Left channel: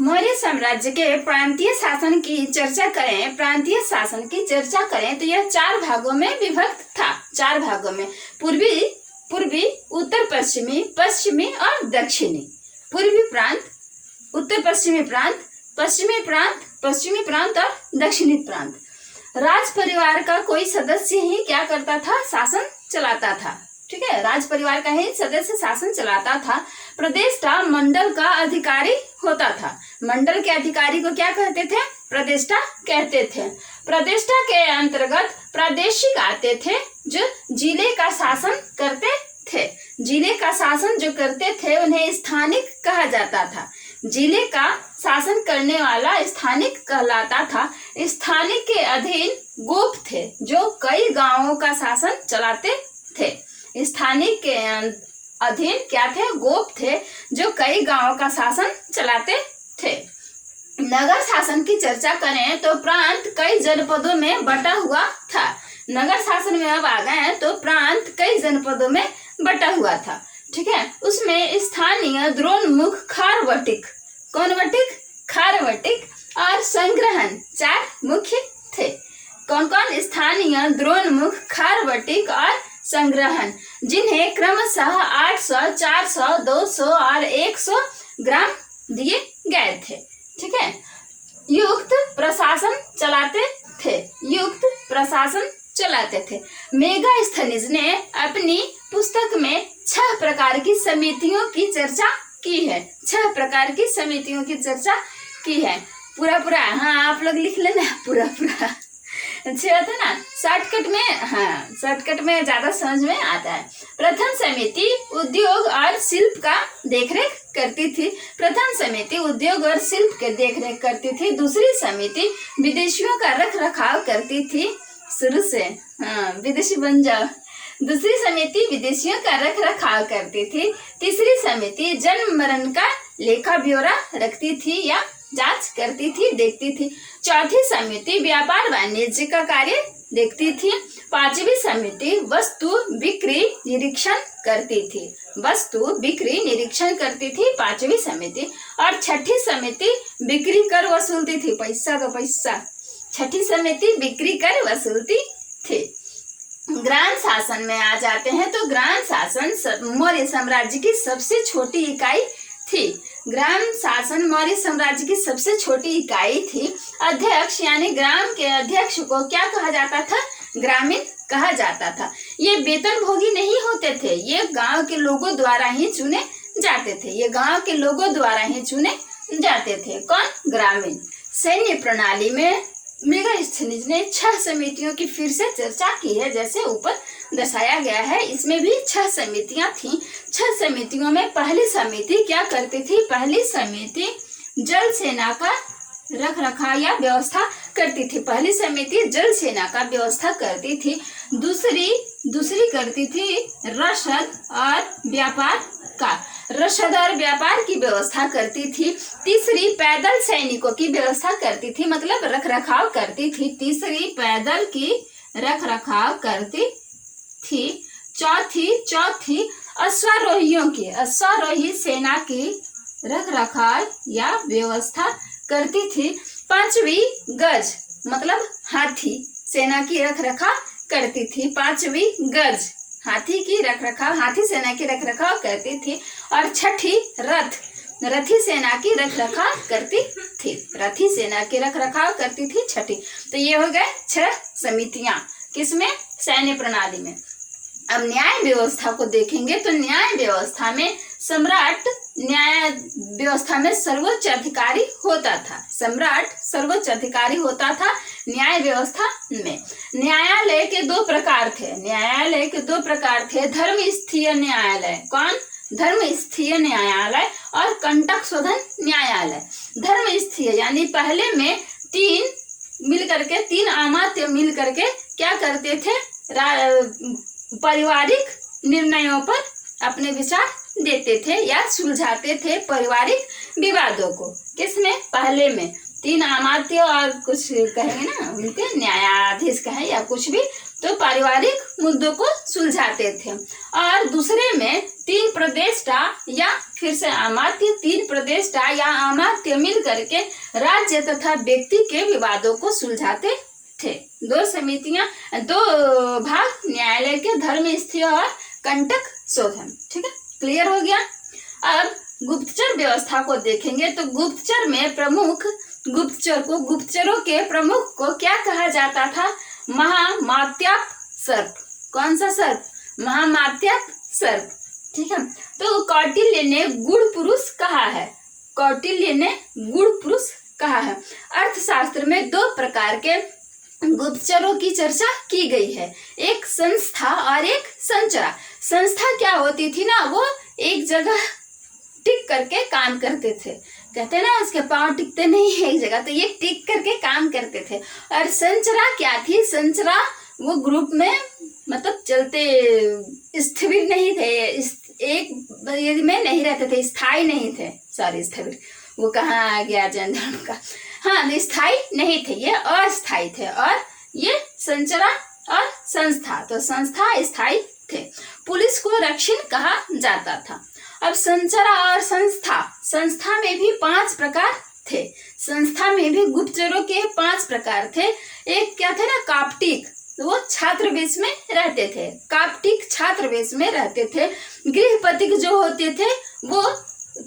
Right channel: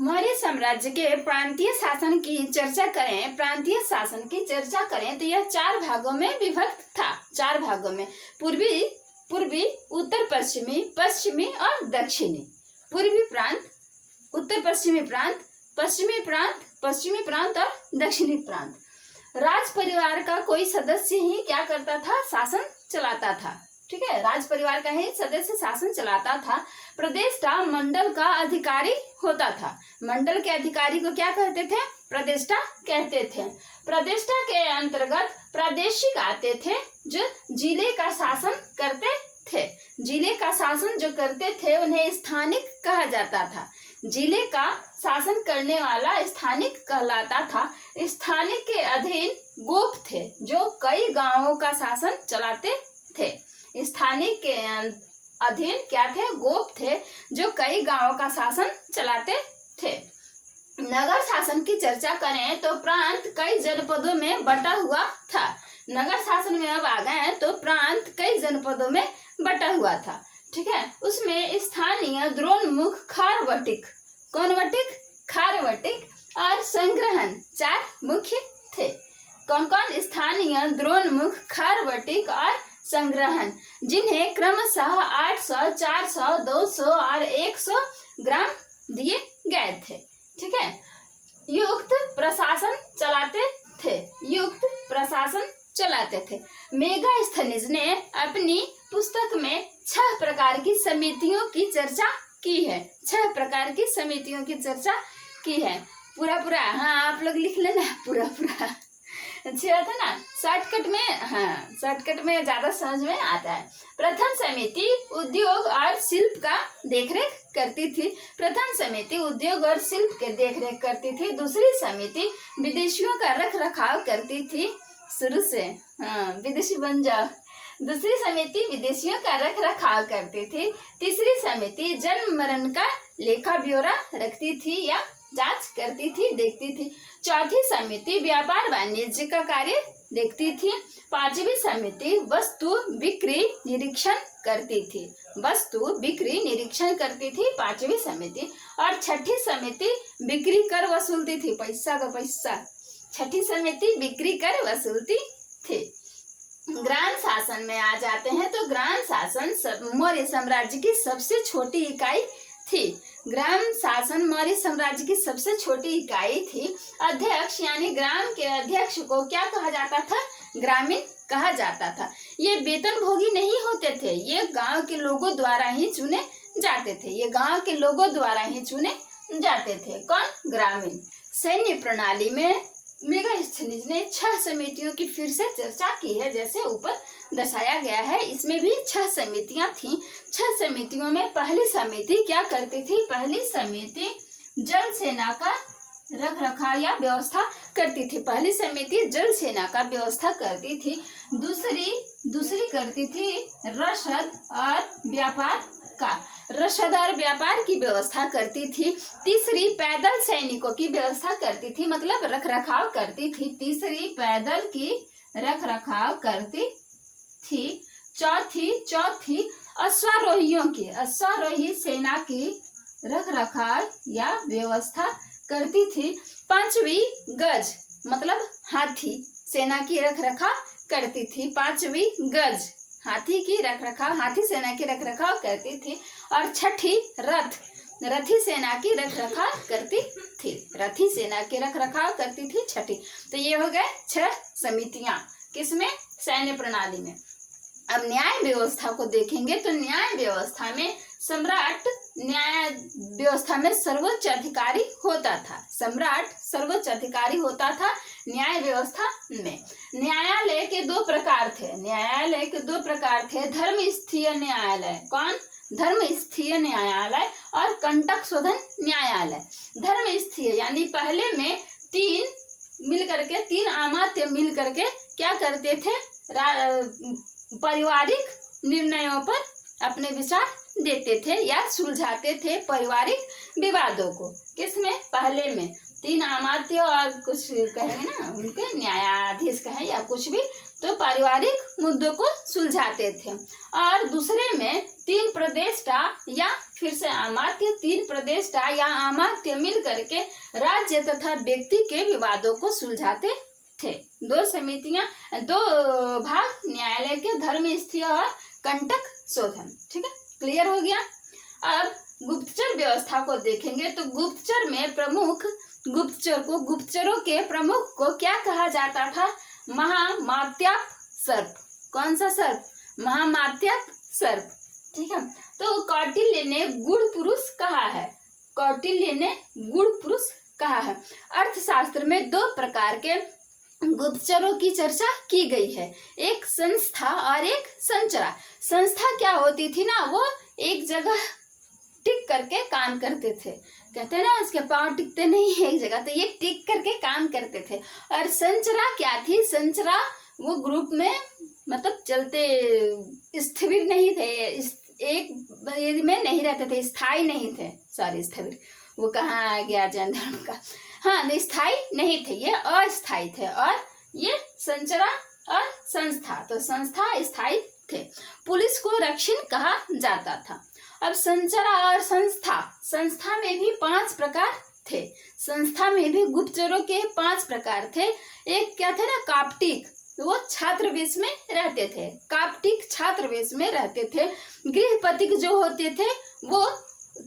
मौर्य साम्राज्य के प्रांतीय शासन की चर्चा करें, प्रांतीय शासन की चर्चा करें तो यह 4 भागों में विभक्त था। 4 भागों में, पूर्वी, उत्तर पश्चिमी, पश्चिमी और दक्षिणी। पूर्वी प्रांत, उत्तर पश्चिमी प्रांत, पश्चिमी प्रांत और दक्षिणी प्रांत। राज परिवार का कोई सदस्य ही क्या करता था? शासन चलाता था। ठीक है, राज परिवार का ही सदस्य शासन चलाता था। प्रदेष्टा मंडल का अधिकारी होता था। मंडल के अधिकारी को क्या कहते थे? प्रदेष्टा कहते थे। प्रदेष्टा के अंतर्गत प्रादेशिक आते थे जो जिले का शासन करते थे। जिले का शासन जो करते थे उन्हें स्थानिक कहा जाता था। जिले का शासन करने वाला स्थानिक कहलाता था। स्थानिक के अधीन गोप थे जो कई गांवों का शासन चलाते थे। स्थानिक के अधीन क्या थे? गोप थे जो कई गांवों का शासन चलाते थे। नगर शासन की चर्चा करें तो प्रांत कई जनपदों में बटा हुआ था। नगर शासन में अब आ गए तो प्रांत कई जनपदों में बटा हुआ था। ठीक है, उसमें स्थानीय, द्रोणमुख, खारवटिक, कौन वटिक? खारवटिक और संग्रहण 4 मुख्य थे। कौन कौन? स्थानीय, द्रोणमुख, खारवटिक और संग्रहण, जिन्हें क्रमशः 800, 400, 200 और 100 ग्राम दिए गए थे। ठीक है, युक्त प्रशासन चलाते थे। युक्त प्रशासन चलाते थे। मेगास्थनीज ने अपनी पुस्तक में 6 प्रकार की समितियों की चर्चा की है। 6 प्रकार की समितियों की चर्चा की है। पूरा हाँ, आप लोग लिख लेना पूरा। अच्छा था ना, शॉर्टकट में ज्यादा समझ में आता है। प्रथम समिति उद्योग और शिल्प का देखरेख करती थी। प्रथम समिति उद्योग और शिल्प के देखरेख करती थी। दूसरी समिति विदेशियों का रख रखाव करती थी। शुरू से विदेशी बन जाओ। दूसरी समिति विदेशियों का रख रखाव करती थी। तीसरी समिति जन्म मरण का लेखा ब्यौरा रखती थी या जांच करती थी, देखती थी। चौथी समिति व्यापार वाणिज्य का कार्य देखती थी। पांचवी समिति वस्तु बिक्री निरीक्षण करती थी। वस्तु बिक्री निरीक्षण करती थी पांचवी समिति। और छठी समिति बिक्री कर वसूलती थी। पैसा तो पैसा। छठी समिति बिक्री कर वसूलती थी। ग्राम शासन में आ जाते हैं तो ग्राम शासन मौर्य साम्राज्य की सबसे छोटी इकाई थी। ग्राम शासन मौर्य साम्राज्य की सबसे छोटी इकाई थी। अध्यक्ष यानी ग्राम के अध्यक्ष को क्या कहा जाता था? ग्रामीण कहा जाता था। ये वेतन भोगी नहीं होते थे। ये गांव के लोगों द्वारा ही चुने जाते थे। ये गांव के लोगों द्वारा ही चुने जाते थे। कौन? ग्रामीण। सैन्य प्रणाली में मेगास्थनीज ने 6 समितियों की फिर से चर्चा की है, जैसे ऊपर दर्शाया गया है। इसमें भी 6 समितियां थीं। 6 समितियों में पहली समिति क्या करती थी? पहली समिति जल सेना का रख रखाव या व्यवस्था करती थी। पहली समिति जल सेना का व्यवस्था करती थी। दूसरी करती थी रसद और व्यापार का, रसद और व्यापार की व्यवस्था करती थी। तीसरी पैदल सैनिकों की व्यवस्था करती थी, मतलब रख रखाव करती थी। तीसरी पैदल की रख रखाव करती थी। चौथी अश्वारोही सेना की रख रखाव या व्यवस्था करती थी। पांचवी गज मतलब हाथी सेना की रख रखाव करती थी। पांचवी गज हाथी की रख रखाव, हाथी सेना की रख रखाव करती थी। और छठी रथी सेना की रख रखाव करती थी। रथी सेना की रख रखाव करती थी छठी। तो ये हो गए 6 समितियां किसमें? सैन्य प्रणाली में। अब न्याय व्यवस्था को देखेंगे तो न्याय व्यवस्था में सम्राट न्याय व्यवस्था में सर्वोच्च अधिकारी होता था। सम्राट सर्वोच्च अधिकारी होता था न्याय व्यवस्था में। न्यायालय के 2 प्रकार थे। न्यायालय के 2 प्रकार थे। धर्मस्थीय न्यायालय। कौन? धर्मस्थीय न्यायालय और कंटक शोधन न्यायालय। धर्मस्थीय यानी पहले में 3 अमात्य मिल करके क्या करते थे? पारिवारिक निर्णयों पर अपने विचार देते थे या सुलझाते थे पारिवारिक विवादों को। किसमें? पहले में 3 अमात्य और कुछ कहेंगे ना, उनके न्यायाधीश कहें या कुछ भी, तो पारिवारिक मुद्दों को सुलझाते थे। और दूसरे में 3 प्रदेष्टा या फिर से अमात्य 3 प्रदेष्टा या अमात्य मिल करके राज्य तथा व्यक्ति के विवादों को सुलझाते थे। 2 समितियां, 2 भाग न्यायालय के धर्मस्थी और कंटक शोधन। ठीक है, क्लियर हो गया। अब गुप्तचर व्यवस्था को देखेंगे तो गुप्तचर में प्रमुख गुप्तचरों के प्रमुख को क्या कहा जाता था? महामात्याप सर्प। कौन सा सर्प? महामात्याप सर्प। ठीक है, तो कौटिल्य ने गुण पुरुष कहा है। कौटिल्य ने गुण पुरुष कहा है। अर्थशास्त्र में 2 प्रकार के गुप्तचरों की चर्चा की गई है, एक संस्था और एक संचरा। संस्था क्या होती थी ना, वो एक जगह टिक करके काम करते थे। कहते हैं ना उसके पांव टिकते नहीं है एक जगह, तो ये टिक करके काम करते थे। और संचरा क्या थी? संचरा वो ग्रुप में मतलब चलते स्थिर नहीं थे, एक में नहीं रहते थे, स्थायी नहीं थे। सॉरी, स्थिर वो कहाँ आ गया जनधर्म का। हाँ, स्थायी नहीं थे, ये अस्थायी थे। और ये संचरा और संस्था, तो संस्था स्थायी थे। पुलिस को रक्षण कहा जाता था। अब संचरा और संस्था में भी 5 प्रकार थे। संस्था में भी गुप्तचरों के 5 प्रकार थे। एक क्या थे ना, काप्टिक, वो छात्रवेश में रहते थे। काप्टिक छात्रवेश में रहते थे। गृहपतिक जो होते थे वो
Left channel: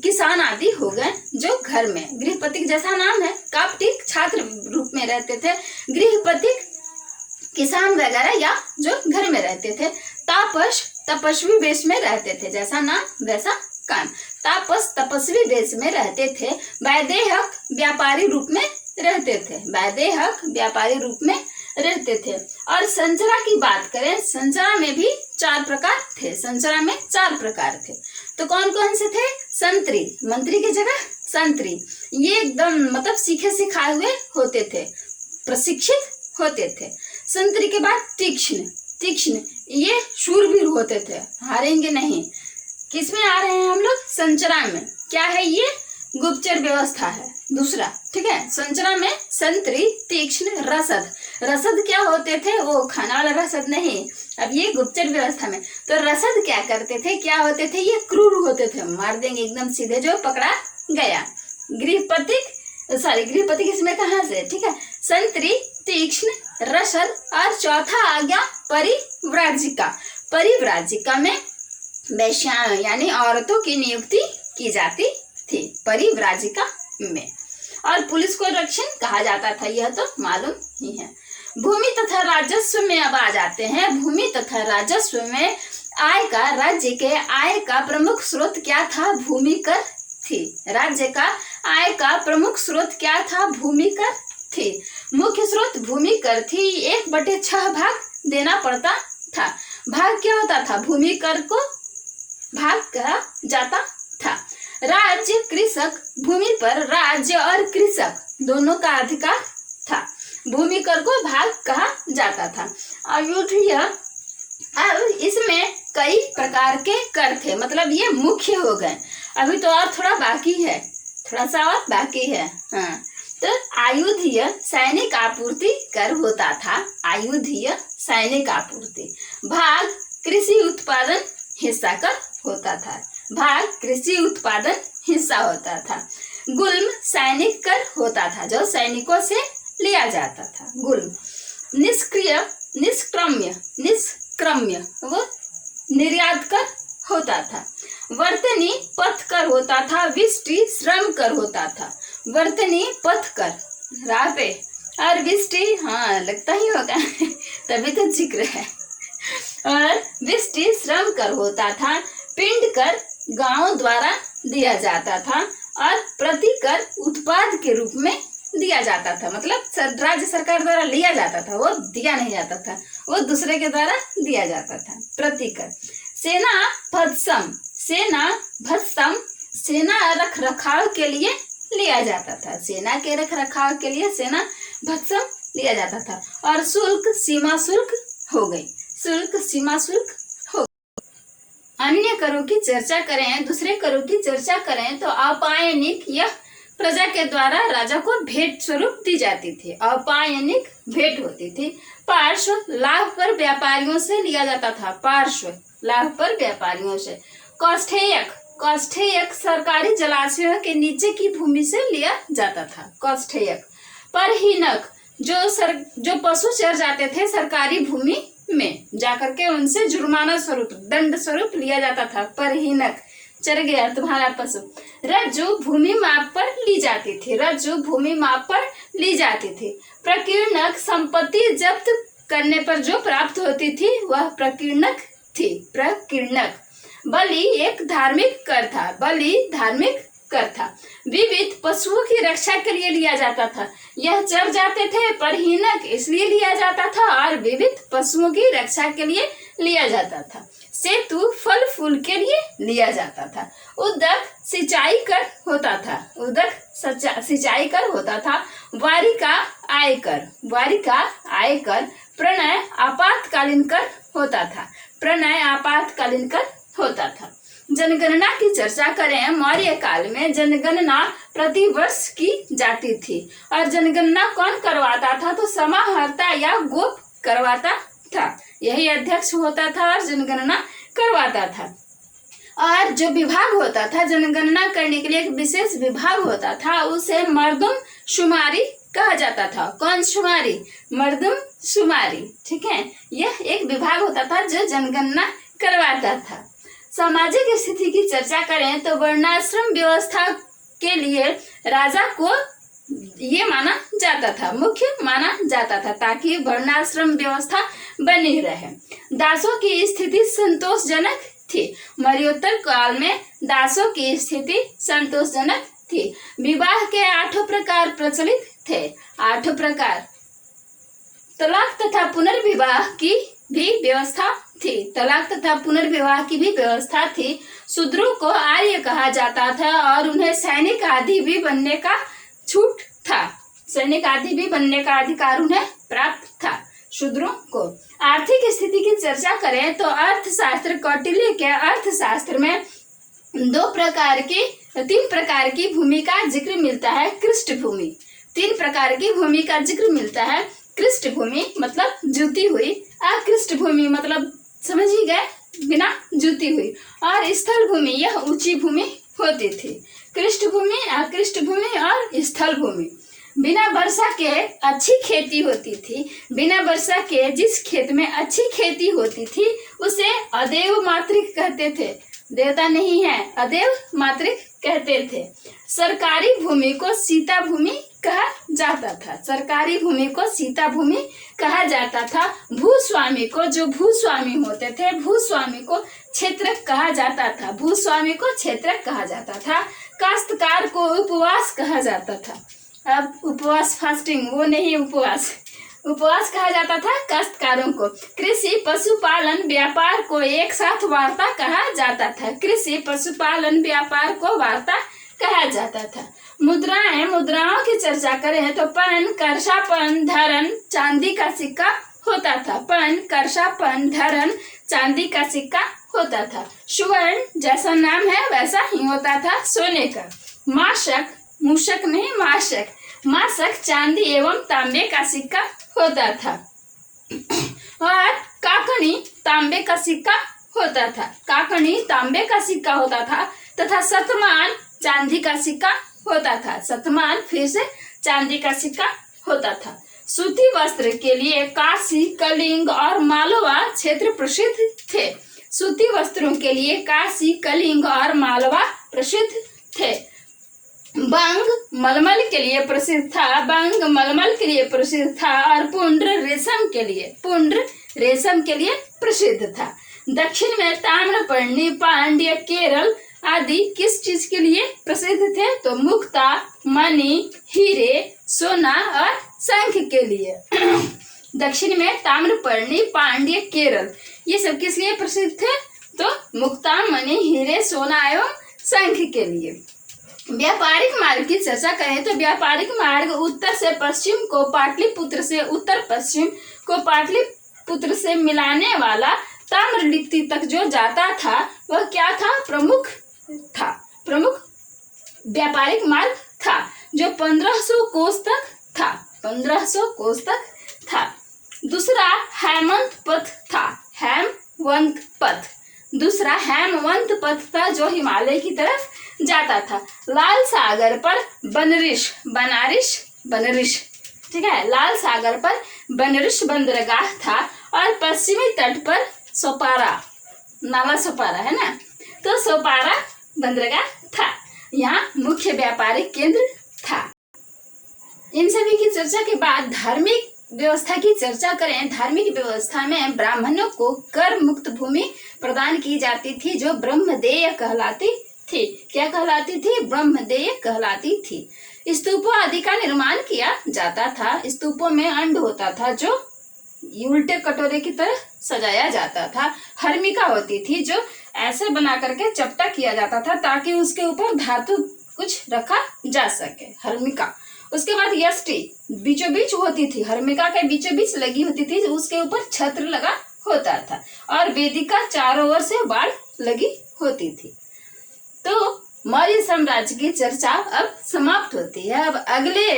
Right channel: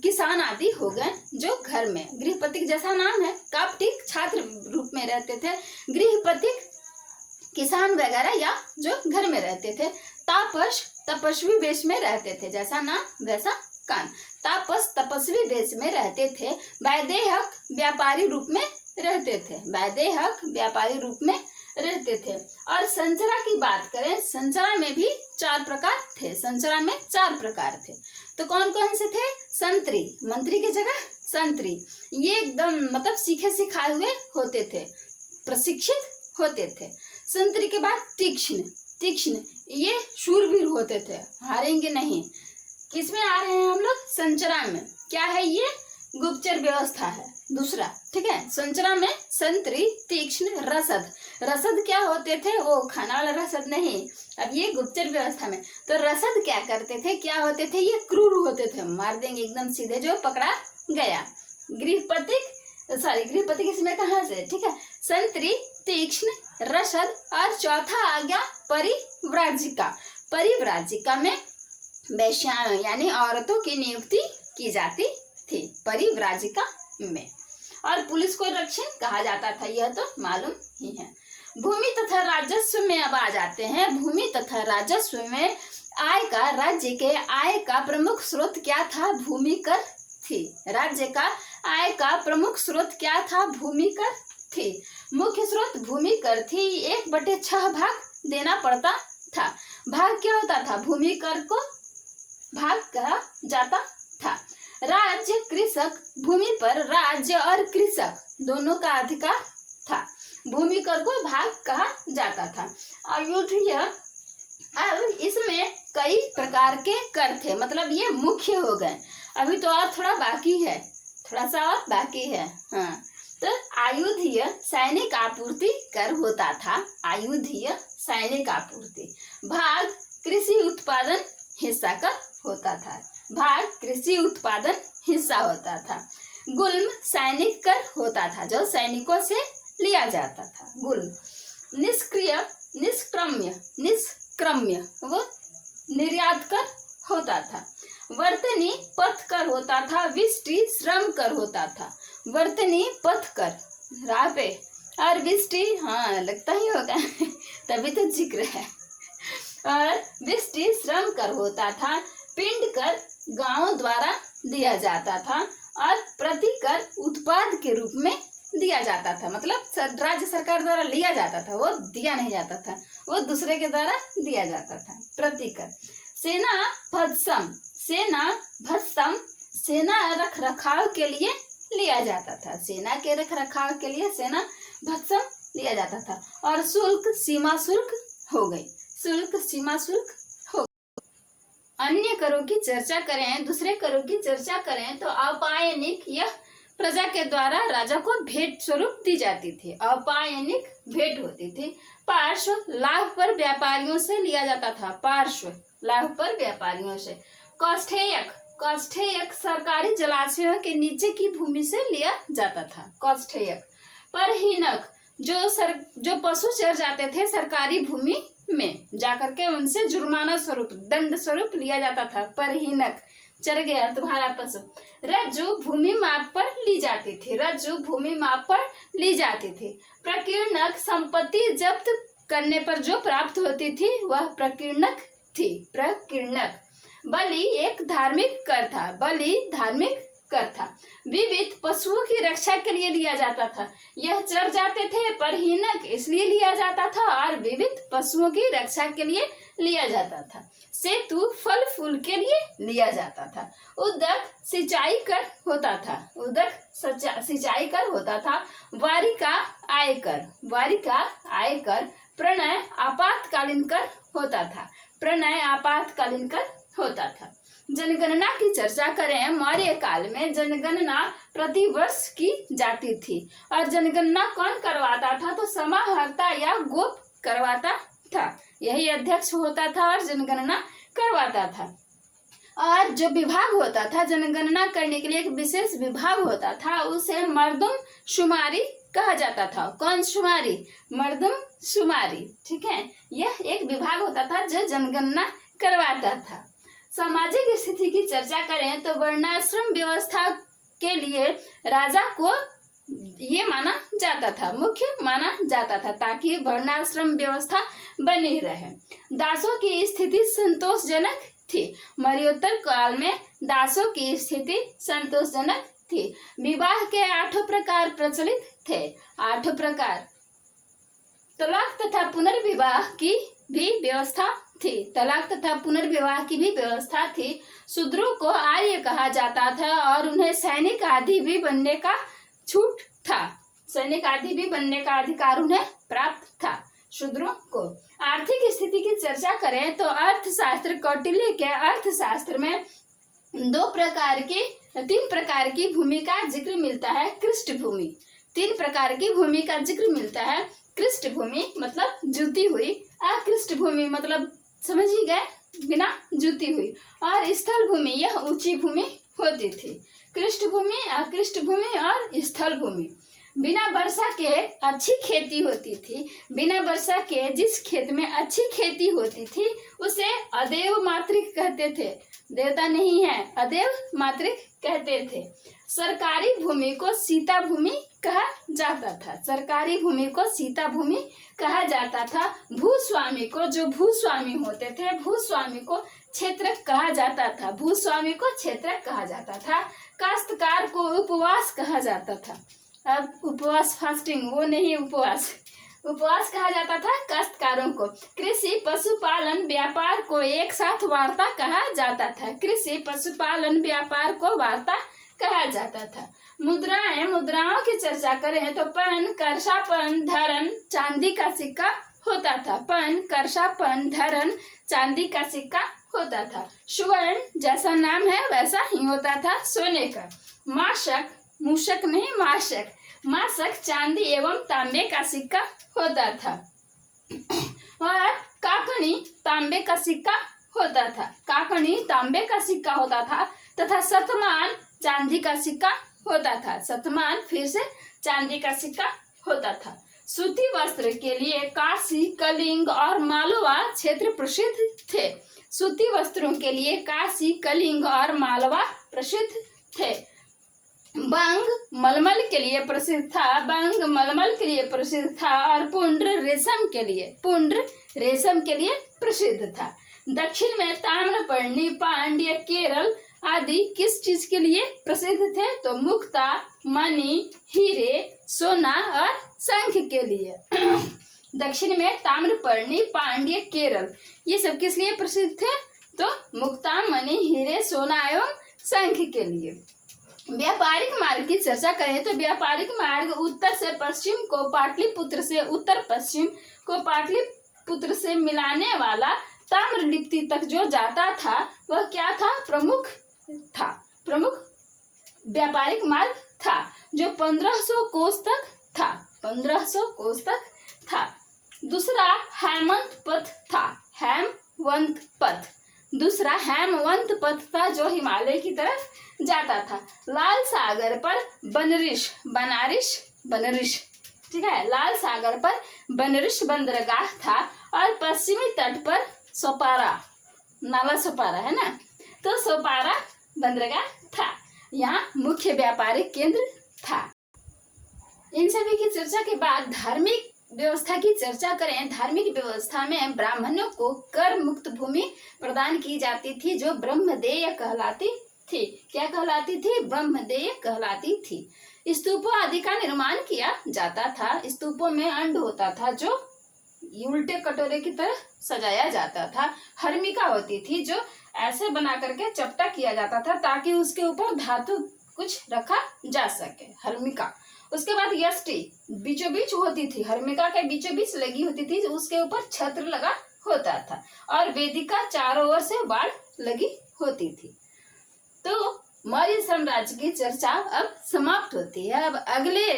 किसान आदि हो गए, जो घर में, गृहपतिक जैसा नाम है, काप्टिक छात्र रूप में रहते थे। गृहपतिक किसान वगैरह या जो घर में रहते थे। तापस तपस्वी वेश में रहते थे, जैसा नाम वैसा काम। तापस तपस्वी वेश में रहते थे। वैदेहक व्यापारी रूप में रहते थे। वैदेहक व्यापारी रूप में रहते थे। और संचरा की बात करें, संचरा में भी 4 प्रकार थे। संचरा में 4 प्रकार थे। तो कौन कौन से थे? संतरी, मंत्री की जगह संतरी, ये एकदम मतलब सीखे सिखाए हुए होते थे, प्रशिक्षित होते थे। संतरी के बाद तीक्ष्ण, ये शूरवीर होते थे, हारेंगे नहीं। किसमें आ रहे हैं हम लोग? संचरा में। क्या है ये? गुप्तचर व्यवस्था है दूसरा। ठीक है, संचरा में संतरी, तीक्ष्ण, रसद। रसद क्या होते थे? वो खाना वाला रसद नहीं। अब ये गुप्तचर व्यवस्था में, तो रसद क्या करते थे, क्या होते थे? ये क्रूर होते थे, मार देंगे एकदम सीधे जो पकड़ा गया। गृहपति इसमें कहाँ से? ठीक है, संतरी, तीक्ष्ण, रसद और चौथा आ गया परिव्राजिका। परिव्राजिका में वैश्याओं यानी औरतों की नियुक्ति की जाती थी परिव्राजिका में। और पुलिस को रक्षण कहा जाता था, यह तो मालूम ही है। भूमि तथा राजस्व में अब आ जाते हैं। भूमि तथा राजस्व में आय का, राज्य के आय का प्रमुख स्रोत क्या था? भूमि कर थी। राज्य का आय का प्रमुख स्रोत क्या था? भूमि कर थी। मुख्य स्रोत भूमि कर थी। 1/6 भाग देना पड़ता था। भाग क्या होता था? भूमि कर को भाग कहा जाता था। राज्य कृषक, भूमि पर राज्य और कृषक दोनों का अधिकार था। भूमि कर को भाग कहा जाता था। अयोध्या, अब इसमें कई प्रकार के कर थे, मतलब ये मुख्य हो गए। अभी तो और थोड़ा बाकी है, थोड़ा सा और बाकी है। हाँ, तो आयुधीय सैनिक आपूर्ति कर होता था। आयुधीय सैनिक आपूर्ति। भाग कृषि उत्पादन हिस्सा कर होता था। भाग कृषि उत्पादन हिस्सा होता था। गुल्म सैनिक कर होता था, जो सैनिकों से लिया जाता था। गुल्म। निष्क्रम्य वो निर्यात कर होता था। वर्तनी पथ कर होता था। विष्टि श्रम कर होता था। वर्तनी पथ कर राह पे, और विष्टि, हाँ लगता ही होगा तभी तो जिक्र है। और विष्टि श्रम कर होता था। पिंड कर गांव द्वारा दिया जाता था। और प्रति कर उत्पाद के रूप में दिया जाता था, मतलब राज्य सरकार द्वारा लिया जाता था, वो दिया नहीं जाता था, वो दूसरे के द्वारा दिया जाता था। प्रति कर। सेना भत्सम, सेना रख रखाव के लिए लिया जाता था। सेना के रख रखाव के लिए सेना भत्सम लिया जाता था। और शुल्क सीमा शुल्क हो गई। शुल्क सीमा शुल्क हो। अन्य करों की चर्चा करें, दूसरे करों की चर्चा करें तो अपायनिक, यह प्रजा के द्वारा राजा को भेंट स्वरूप दी जाती थी। अपायनिक भेंट होती थी। पार्श्व लाभ पर व्यापारियों से लिया जाता था। पार्श्व लाभ पर व्यापारियों से। कौष्ठेयक कौष्ठेयक सरकारी जलाशयों के नीचे की भूमि से लिया जाता था। कौष्ठेयक। परहीनक, जो पशु चर जाते थे सरकारी भूमि में जाकर के उनसे जुर्माना स्वरूप, दंड स्वरूप लिया जाता था। परहीनक, चर गया तुम्हारा पशु। रज्जु, भूमि माप पर ली जाती थी। रज्जु भूमि माप पर ली जाती थी। प्रकीर्णक, संपत्ति जब्त करने पर जो प्राप्त होती थी वह प्रकीर्णक थी। प्रकीर्णक। बलि, एक धार्मिक कर था। बलि धार्मिक कर था। विविध, पशुओं की रक्षा के लिए लिया जाता था। यह चर जाते थे, परहीनक इसलिए लिया जाता था और विविध पशुओं की रक्षा के लिए लिया जाता था। सेतु, फल फूल के लिए लिया जाता था। उदक, सिंचाई कर होता था। उदक सिंचाई कर होता था। वारिका, आयकर। वारिका, आयकर। प्रणय, आपातकालीन कर होता था। प्रणय आपातकालीन कर होता था। जनगणना की चर्चा करें। मौर्य काल में जनगणना प्रति वर्ष की जाती थी और जनगणना कौन करवाता था? तो समाहर्ता या गोप करवाता था। यही अध्यक्ष होता था और जनगणना करवाता था। और जो विभाग होता था जनगणना करने के लिए, एक विशेष विभाग होता था, उसे मर्दुम शुमारी कहा जाता था। कौन शुमारी? मर्दुम शुमारी। ठीक है, यह एक विभाग होता था जो जनगणना करवाता था। सामाजिक स्थिति की चर्चा करें तो वर्णाश्रम व्यवस्था के लिए राजा को ये माना जाता था, मुख्य माना जाता था, ताकि वर्णाश्रम व्यवस्था बनी रहे। दासों की स्थिति संतोषजनक थी। मौर्योत्तर काल में दासों की स्थिति संतोषजनक थी। विवाह के 8 प्रकार प्रचलित थे। 8 प्रकार। तलाक तथा पुनर्विवाह की भी व्यवस्था थी। तलाक तथा पुनर्विवाह की भी व्यवस्था थी। शूद्रों को आर्य कहा जाता था और उन्हें सैनिक आदि भी बनने का छूट था। सैनिक आदि भी बनने का अधिकार उन्हें प्राप्त था शूद्रों को। आर्थिक स्थिति की चर्चा करें तो अर्थशास्त्र, कौटिल्य के अर्थशास्त्र में 3 प्रकार की भूमि का जिक्र मिलता है। कृष्ट भूमि, 3 प्रकार की भूमि का जिक्र मिलता है। कृष्ट भूमि मतलब जुती हुई, अकृष्ट भूमि मतलब समझ ही गए, बिना जुती हुई, और स्थल भूमि, यह ऊंची भूमि होती थी। कृष्ट भूमि, अकृष्ट भूमि और स्थल भूमि। बिना वर्षा के अच्छी खेती होती थी। बिना वर्षा के जिस खेत में अच्छी खेती होती थी उसे अदेव मातृक कहते थे। देवता नहीं है, अदेव मातृक कहते थे। सरकारी भूमि को सीता भूमि कहा जाता था। सरकारी भूमि को सीता भूमि कहा जाता था। भूस्वामी को, जो भूस्वामी होते थे, भूस्वामी को क्षेत्रक कहा जाता था। भूस्वामी को क्षेत्रक कहा जाता था। काश्तकार को उपवास कहा जाता था। अब उपवास, फास्टिंग, वो नहीं, उपवास कहा जाता था काश्तकारों को। कृषि, पशुपालन, व्यापार को एक साथ वार्ता कहा जाता था। कृषि, पशुपालन, व्यापार को वार्ता कहा जाता था। मुद्राएं, मुद्राओं की चर्चा करें तो पन, करसा, पन, धरन, चांदी का सिक्का होता था। पन, करसा, पन, धरन, चांदी का सिक्का होता था। सुवर्ण, जैसा नाम है वैसा ही होता था, सोने का। माशक, मूषक नहीं, माशक, माशक चांदी एवं तांबे का सिक्का होता था। और काकनी, तांबे का सिक्का होता था। काकनी तांबे का सिक्का होता था तथा शतमान चांदी का सिक्का होता था। शतमान फिर से चांदी का सिक्का होता था। सूती वस्त्र के लिए काशी, कलिंग और मालवा क्षेत्र प्रसिद्ध थे। सूती वस्त्रों के लिए काशी, कलिंग और मालवा प्रसिद्ध थे। बंग मलमल के लिए प्रसिद्ध था। बंग मलमल के लिए प्रसिद्ध था और पुंड्र रेशम के लिए प्रसिद्ध था। दक्षिण में ताम्रपर्णी, पांड्य, केरल आदि किस चीज के लिए प्रसिद्ध थे? तो मुक्ता, मणि, हीरे, सोना और शंख के लिए। दक्षिण में ताम्रपर्णी, पांड्य, केरल, ये सब किस लिए प्रसिद्ध थे? तो मुक्ता, मणि, हीरे, सोना एवं शंख के लिए। व्यापारिक मार्ग की चर्चा करें तो व्यापारिक मार्ग उत्तर से पश्चिम को पाटलिपुत्र से उत्तर पश्चिम को पाटलिपुत्र से मिलाने वाला ताम्रलिप्ति तक जो जाता था वह क्या था? प्रमुख था। प्रमुख व्यापारिक मार्ग था जो 1500 कोस तक था। 1500 कोस तक था। दूसरा हेमंत पथ था। हेमवंत पथ, दूसरा हेमवंत पथ था जो हिमालय की तरफ जाता था। लाल सागर पर बनरिश, ठीक है, लाल सागर पर बनरिश बंदरगाह था और पश्चिमी तट पर सोपारा, नाला सोपारा है ना, तो सोपारा बंदरगाह था। यहाँ मुख्य व्यापारिक केंद्र था। इन सभी की चर्चा के बाद धार्मिक व्यवस्था की चर्चा करें। धार्मिक व्यवस्था में ब्राह्मणों को कर मुक्त भूमि प्रदान की जाती थी जो ब्रह्मदेय कहलाती थी। क्या कहलाती थी? ब्रह्मदेय कहलाती थी। स्तूपों आदि का निर्माण किया जाता था। स्तूपों में अंड होता था जो उल्टे कटोरे की तरह सजाया जाता था। हर्मिका होती थी जो ऐसे बना करके चपटा किया जाता था ताकि उसके ऊपर धातु कुछ रखा जा सके, हर्मिका। उसके बाद यष्टि बीचों बीच होती थी, हर्मिका के बीचों बीच लगी होती थी, उसके ऊपर छत्र लगा होता था और वेदिका चारों ओर से बाढ़ लगी होती थी। तो मौर्य साम्राज्य की चर्चा अब समाप्त होती है। अब अगले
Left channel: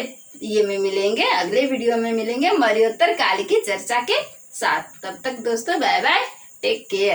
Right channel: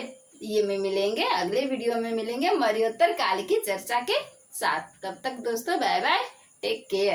अगले वीडियो में मिलेंगे मौर्योत्तर काल की चर्चा के साथ। तब तक दोस्तों बाय बाय, टेक केयर।